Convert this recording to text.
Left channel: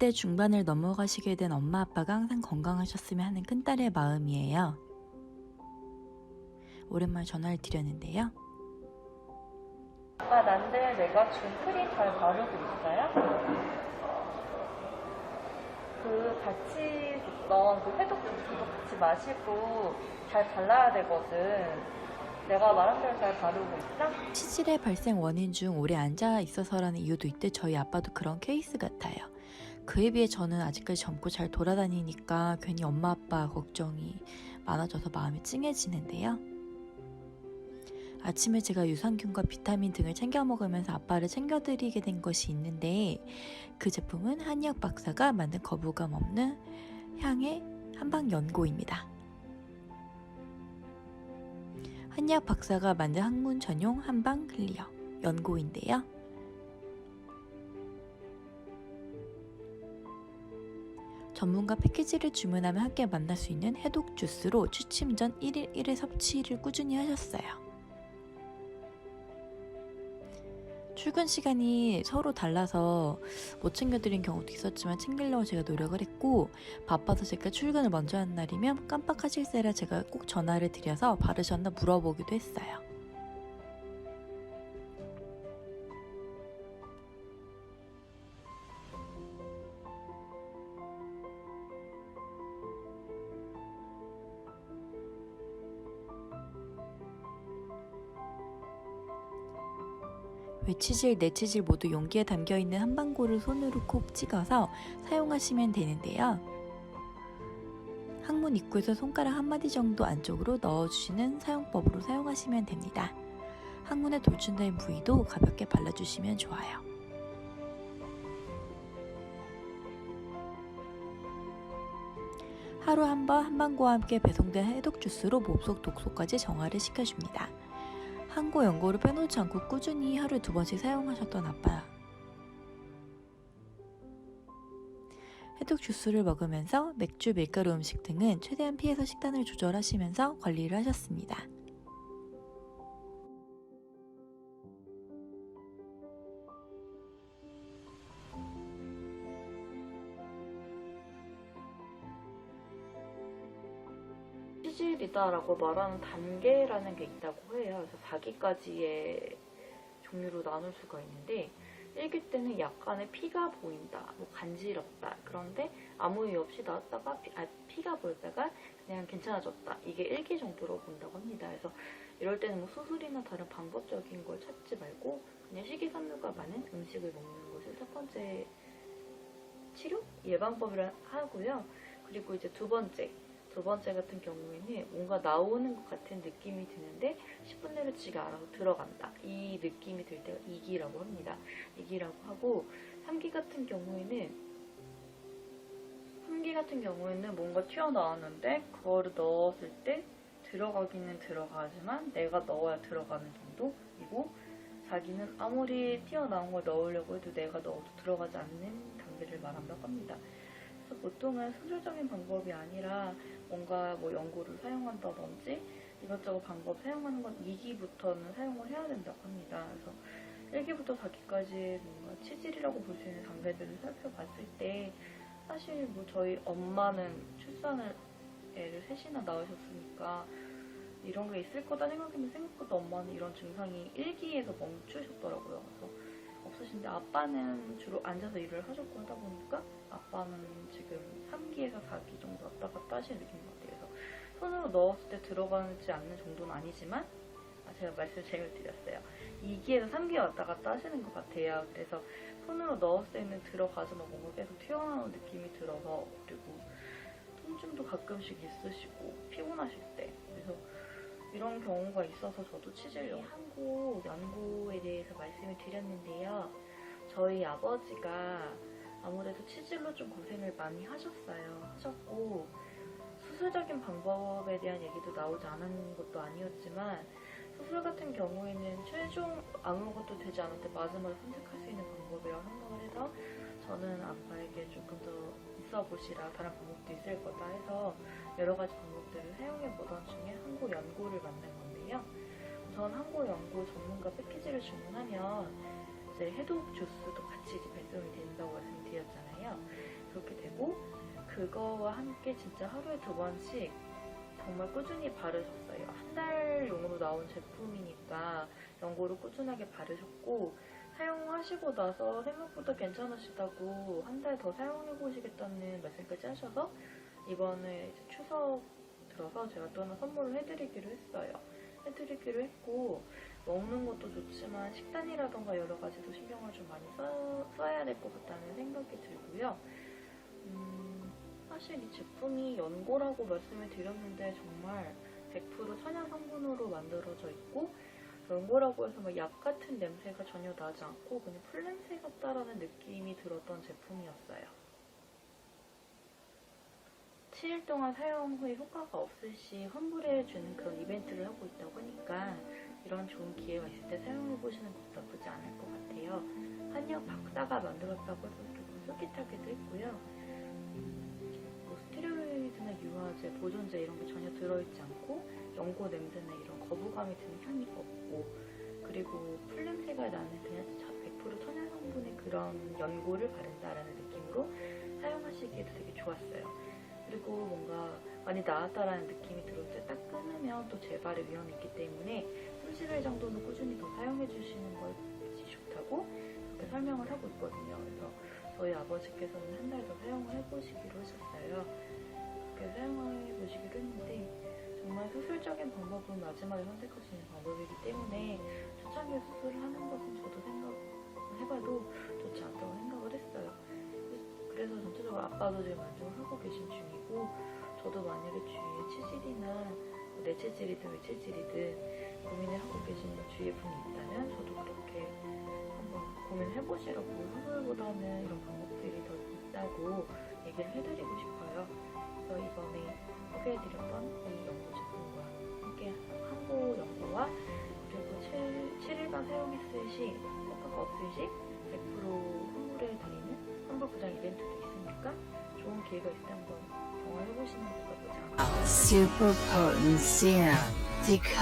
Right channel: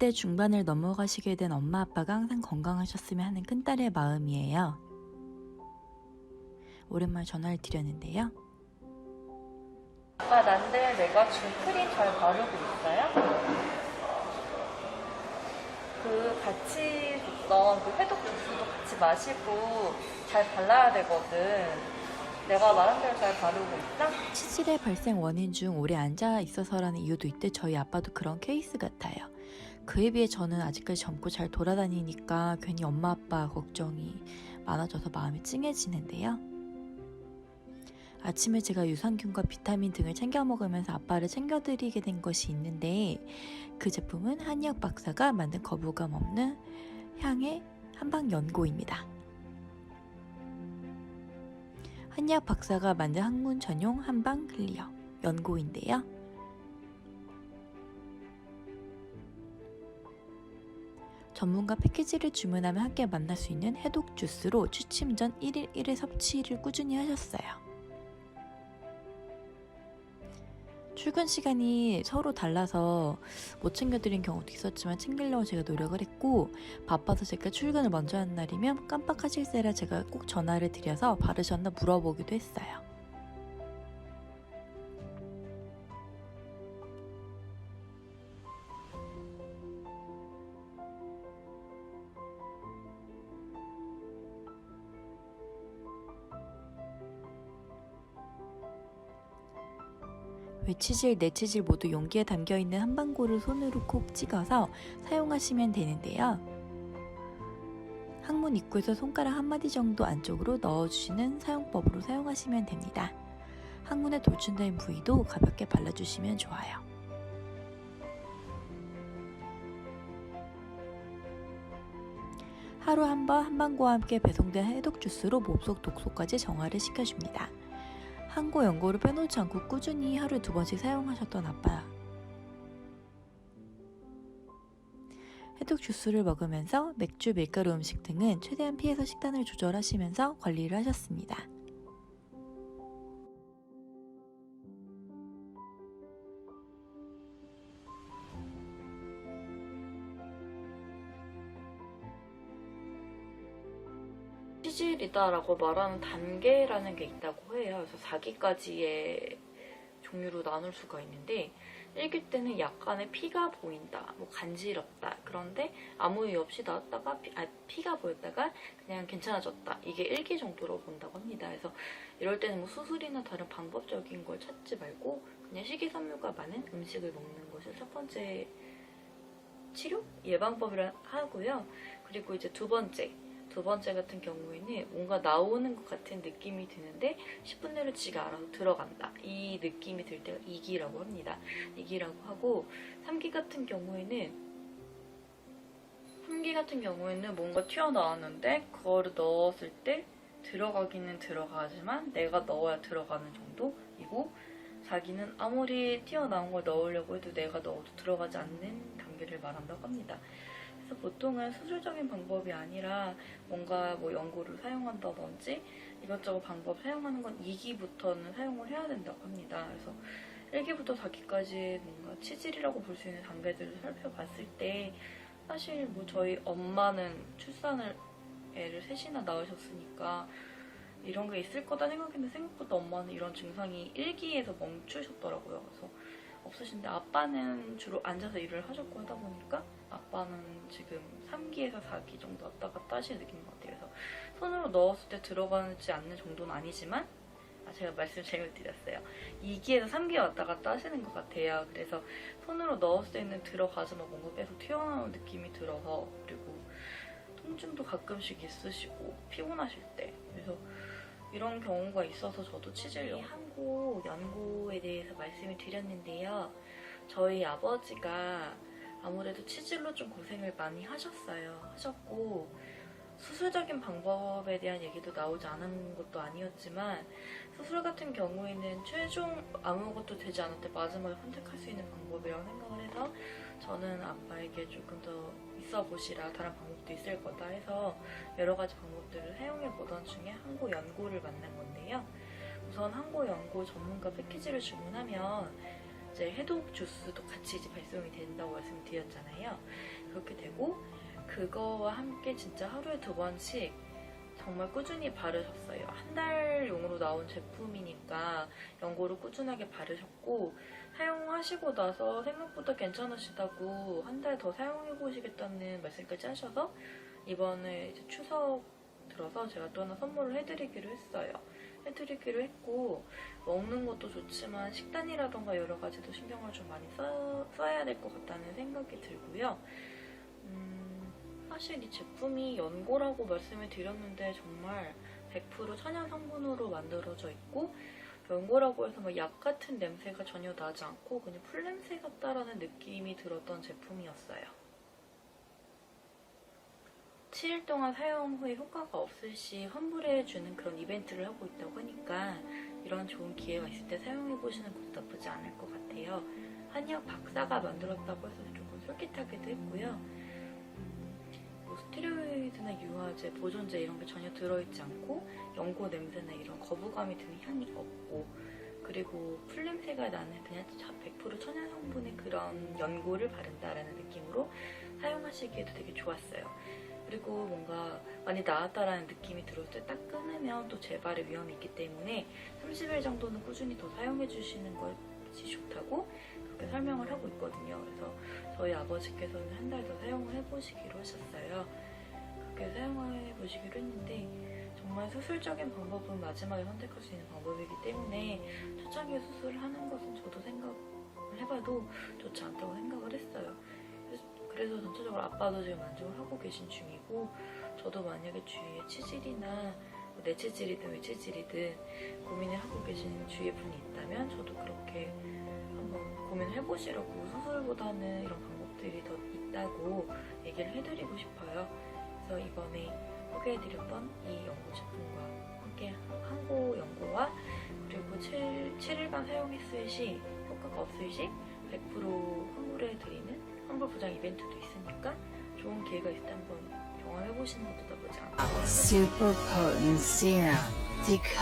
20대 중반을 넘어가시게 된 엄마 아빠가 항상 건강하셨으면 하는 큰딸의 마음이에요. 오랜만에 전화를 드렸는데요. 아빠, 난데 내가 준 크림 잘 바르고 있어요? 그 같이 줬던 그 해독 주스도 같이 마시고 잘 발라야 되거든. 내가 말한 대로 잘 바르고 있어? 치질의 발생 원인 중 오래 앉아 있어서라는 이유도 있대. 저희 아빠도 그런 케이스 같아요. 그에 비해 저는 아직까지 젊고 잘 돌아다니니까 괜히 엄마 아빠 걱정이 많아져서 마음이 찡해지는데요. 아침에 제가 유산균과 비타민 등을 챙겨 먹으면서 아빠를 챙겨드리게 된 것이 있는데, 그 제품은 한의학 박사가 만든 거부감 없는 향의 한방 연고입니다. 한의학 박사가 만든 학문 전용 한방 클리어 연고인데요. 전문가 패키지를 주문하면 함께 만날 수 있는 해독 주스로 취침 전 1일 1회 섭취를 꾸준히 하셨어요. 출근 시간이 서로 달라서 못 챙겨드린 경우도 있었지만 챙기려고 제가 노력을 했고, 바빠서 제가 출근을 먼저 한 날이면 깜빡하실세라 제가 꼭 전화를 드려서 바르셨나 물어보기도 했어요. 외치질, 내치질 모두 용기에 담겨있는 한방고를 손으로 콕 찍어서 사용하시면 되는데요. 항문 입구에서 손가락 한마디 정도 안쪽으로 넣어주시는 사용법으로 사용하시면 됩니다. 항문에 돌출된 부위도 가볍게 발라주시면 좋아요. 하루 한 번 한방고와 함께 배송된 해독 주스로 몸속 독소까지 정화를 시켜줍니다. 한고 연고를 빼놓지 않고 꾸준히 하루에 2번씩 사용하셨던 아빠. 해독 주스를 먹으면서 맥주, 밀가루 음식 등은 최대한 피해서 식단을 조절하시면서 관리를 하셨습니다. 치질이다라고 말하는 단계라는 게 있다고 해요. 그래서 4기까지의 종류로 나눌 수가 있는데, 1기 때는 약간의 피가 보인다, 뭐 간지럽다, 그런데 아무 이유 없이 나왔다가 피가 보였다가 그냥 괜찮아졌다, 이게 1기 정도로 본다고 합니다. 그래서 이럴 때는 뭐 수술이나 다른 방법적인 걸 찾지 말고 그냥 식이섬유가 많은 음식을 먹는 것이 첫 번째 치료? 예방법이라 하고요. 그리고 이제 두 번째 같은 경우에는 뭔가 나오는 것 같은 느낌이 드는데 10분 내로 지가 알아서 들어간다, 이 느낌이 들 때가 2기라고 합니다. 2기라고 하고, 3기 같은 경우에는 뭔가 튀어나왔는데 그거를 넣었을 때 들어가기는 들어가지만 내가 넣어야 들어가는 정도이고, 4기는 아무리 튀어나온 걸 넣으려고 해도 내가 넣어도 들어가지 않는 단계를 말한다고 합니다. 그래서 보통은 수술적인 방법이 아니라 뭔가 뭐 연고를 사용한다든지 이것저것 방법 사용하는 건 2기부터는 사용을 해야 된다고 합니다. 그래서 1기부터 4기까지 뭔가 치질이라고 볼 수 있는 단계들을 살펴봤을 때, 사실 뭐 저희 엄마는 출산을 애를 3이나 낳으셨으니까 이런 게 있을 거다 생각했는데, 생각보다 엄마는 이런 증상이 1기에서 멈추셨더라고요. 그래서 없으신데, 아빠는 주로 앉아서 일을 하셨고 하다 보니까 아빠는 지금 3기에서 4기 정도 왔다 갔다 하시는 느낌인 것 같아요. 그래서 손으로 넣었을 때 들어가지 않는 정도는 아니지만, 제가 말씀 잘못 드렸어요. 2기에서 3기 왔다 갔다 하시는 것 같아요. 그래서 손으로 넣었을 때는 들어가지만 뭔가 계속 튀어나오는 느낌이 들어서, 그리고 통증도 가끔씩 있으시고 피곤하실 때, 그래서 이런 경우가 있어서 저도 치질 한고 연고에 대해서 말씀을 드렸는데요. 저희 아버지가 아무래도 치질로 좀 고생을 많이 하셨고, 수술적인 방법에 대한 얘기도 나오지 않은 것도 아니었지만, 수술 같은 경우에는 최종 아무것도 되지 않을 때 마지막에 선택할 수 있는 방법이라고 생각을 해서, 저는 아빠에게 조금 더 있어 보시라, 다른 방법도 있을 거다 해서 여러 가지 방법들을 사용해 보던 중에 한고 연고를 만난 건데요. 우선 한고 연고 전문가 패키지를 주문하면 이제 해독 주스도 같이 이제 배송이 된다고 말씀드렸잖아요. 그렇게 되고 그거와 함께 진짜 하루에 2번씩 정말 꾸준히 바르셨어요. 한 달용으로 나온 제품이니까 연고를 꾸준하게 바르셨고 사용하시고 나서 생각보다 괜찮으시다고 한 달 더 사용해보시겠다는 말씀까지 하셔서 이번에 이제 추석 들어서 제가 또 하나 선물을 해드리기로 했어요. 해드리기로 했고 먹는 것도 좋지만 식단이라던가 여러 가지도 신경을 좀 많이 써야 될 것 같다는 생각이 들고요. 사실 이 제품이 연고라고 말씀을 드렸는데 정말 100% 천연 성분으로 만들어져 있고 연고라고 해서 막 약 같은 냄새가 전혀 나지 않고 그냥 풀냄새 같다라는 느낌이 들었던 제품이었어요. 7일 동안 사용 후에 효과가 없을 시 환불해주는 그런 이벤트를 하고 있다고 하니까 이런 좋은 기회가 있을 때 사용해보시는 것도 나쁘지 않을 것 같아요. 한의학 박사가 만들었다고 해서 조금 솔깃하기도 했고요. 뭐 스테로이드나 유화제, 보존제 이런 게 전혀 들어있지 않고 연고 냄새나 이런 거부감이 드는 향이 없고 그리고 풀냄새가 나는 그냥 100% 천연 성분의 그런 연고를 바른다라는 느낌으로 사용하시기에도 되게 좋았어요. 그리고 뭔가 많이 나았다라는 느낌이 들을 때 딱 끊으면 또 재발의 위험이 있기 때문에 30일 정도는 꾸준히 더 사용해 주시는 것이 좋다고 그렇게 설명을 하고 있거든요. 그래서 저희 아버지께서는 한 달 더 사용을 해보시기로 하셨어요. 그렇게 사용해 보시기로 했는데 정말 수술적인 방법은 마지막에 선택할 수 있는 방법이기 때문에 초창기에 수술을 하는 것은 저도 생각을 해봐도 좋지 않다고 생각을 했어요. 그래서 전체적으로 아빠도 지금 만족을 하고 계신 중이고 저도 만약에 주위에 치질이나 뭐 내치질이든 외치질이든 고민을 하고 계시는 주위에 분이 있다면 저도 그렇게 한번 고민을 해보시라고 수술보다는 이런 방법들이 더 있다고 얘기를 해드리고 싶어요. 그래서 이번에 소개해드렸던 이 연고 제품과 함께 항고 연고와 그리고 7일간 사용했을 시 효과가 없을 시 100% 환불해드리는 환불 보장 이벤트도 있으니까 좋은 기회가 있을 때 한번 경험해보시는 것도 나쁘지 않아요. Super potent serum.